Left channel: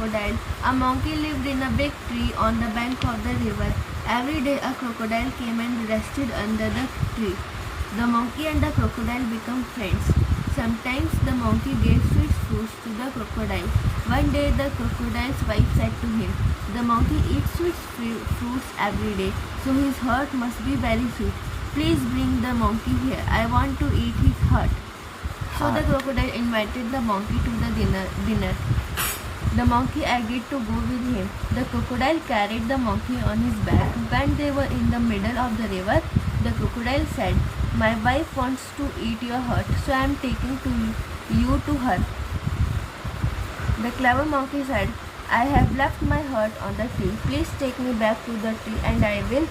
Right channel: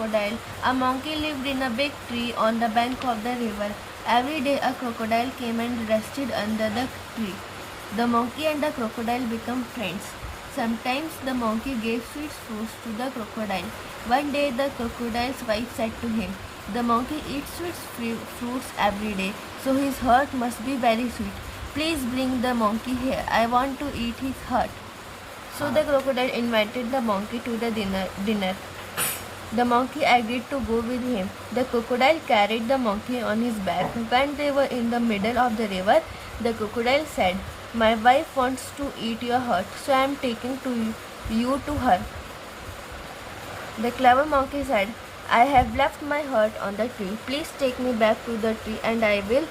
crocodile. A monkey lived in a big tree on the bank of the river. Every day a crocodile came and rested under the tree. The monkey and the crocodile became friends. Sometimes the monkey gave sweet fruits to the crocodile. One day the crocodile's wife said to him, "The monkey eats sweet fruits every day, so his heart must be very sweet. Please bring the monkey here. I want to eat his heart." So the crocodile invited the monkey to the dinner. The monkey agreed to go with him. The crocodile carried the monkey on his back. When they were in the middle of the river, the crocodile said, "My wife wants to eat your heart, so I am taking you to her." The clever monkey said, "I have left my heart on the tree. Please take me back to the tree and I will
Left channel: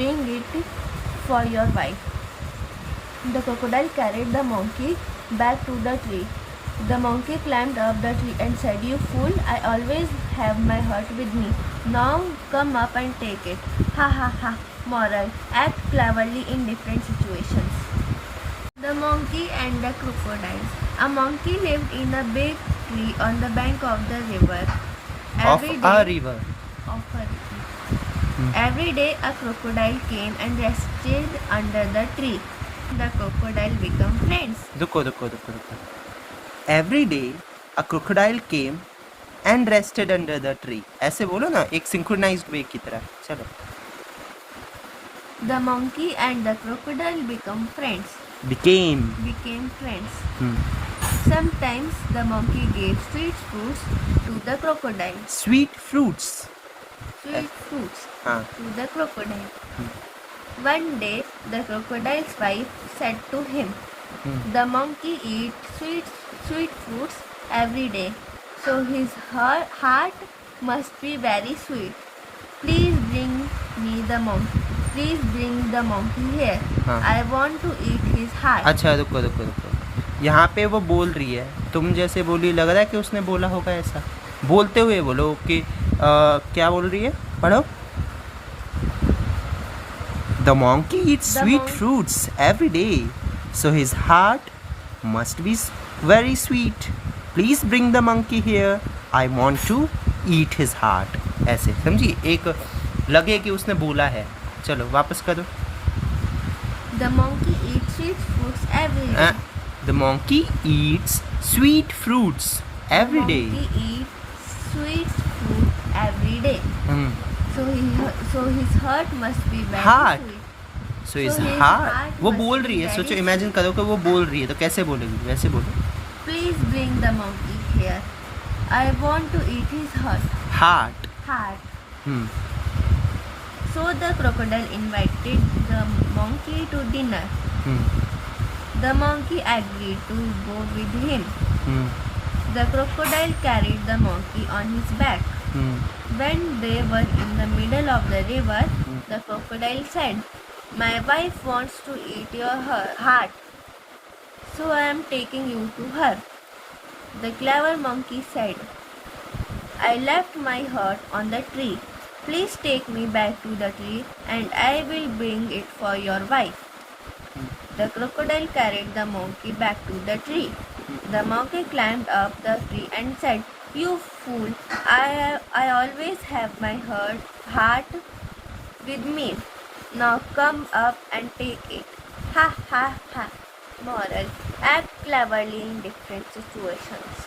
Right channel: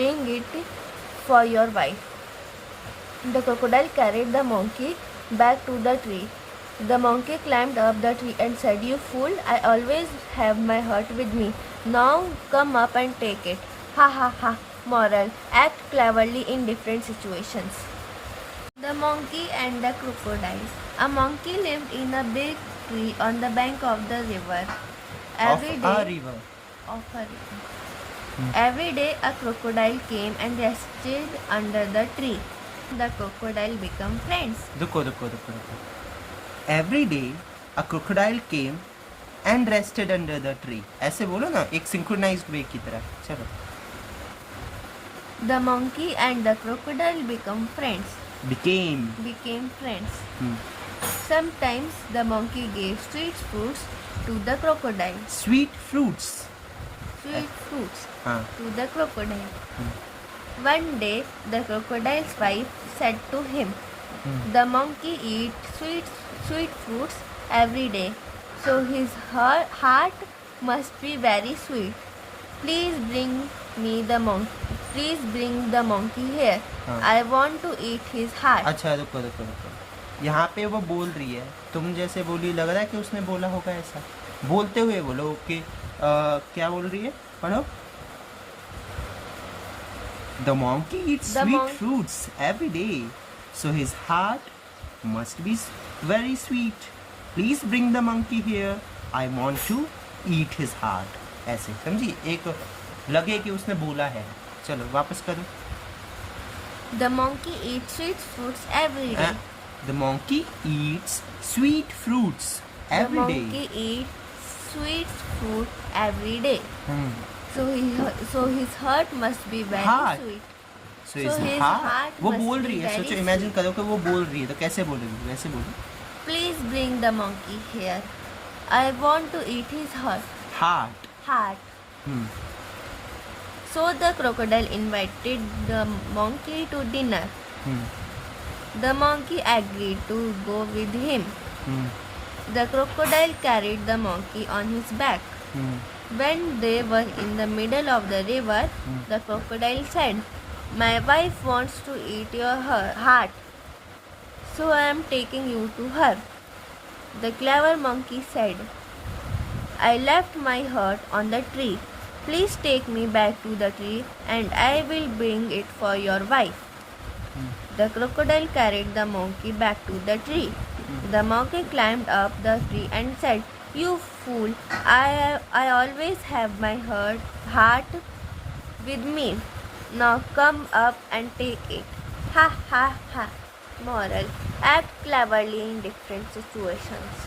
bring it for your wife." The crocodile carried the monkey back to the tree. The monkey climbed up the tree and said, "You fool, I always have my heart with me. Now come up and take it." Ha ha ha. Moral: act cleverly in different situations. The monkey and the crocodiles. A monkey lived in a big tree on the bank of the river. Every day a crocodile came and rested under the tree. The crocodile became friends. रुको. Every day a crocodile came and rested under the tree. ऐसे बोलो ना, एक synchronized way की तरह. चलो. The monkey and the crocodile became friends. Became friends. Sometimes the monkey gave sweet fruits to the crocodile. Sweet fruits. To the crocodile. One day the crocodile's wife said to him, "The monkey eats sweet fruits every day, so his heart must be very sweet. Please bring the monkey here. I want to eat his heart." अच्छा, रुको. यहाँ पे वो बोल रही है, तुम जैसे बोली, लग रहा है कि उसने बोला होगा ऐसा. बोलते हुए बोलो कि क्या बोल रही है, पढ़ो. The monkey eats sweet fruits every day, so his heart must be very sweet. Please bring the monkey here. I want to eat his heart. ऐसे समझी, एक लगे कि उसने बोला है. चलो वापस करो. The monkey eats sweet fruits every day. The monkey eats sweet fruits every day. The monkey eats sweet fruit every day. So his heart must be very sweet. So his heart. वो बोल रही है. सोचो, imagine करो कि वो बोल रही है, तो कैसे बोलेगी? वैसे बोलो. Please bring the monkey here. I want to eat his heart. So the crocodile invited the monkey to dinner. The monkey agreed to go with him. The crocodile carried the monkey on his back. When they were in the middle of the river, the crocodile said, "My wife wants to eat your heart, so I am taking you to her." The clever monkey said, "I left my heart on the tree. Please take me back to the tree and I will bring it for your wife." The crocodile carried the monkey back to the tree. The monkey climbed up the tree and said, "You fool, I always have my heart with me. Now come up and take it." Ha ha ha. Moral: act cleverly in different situations.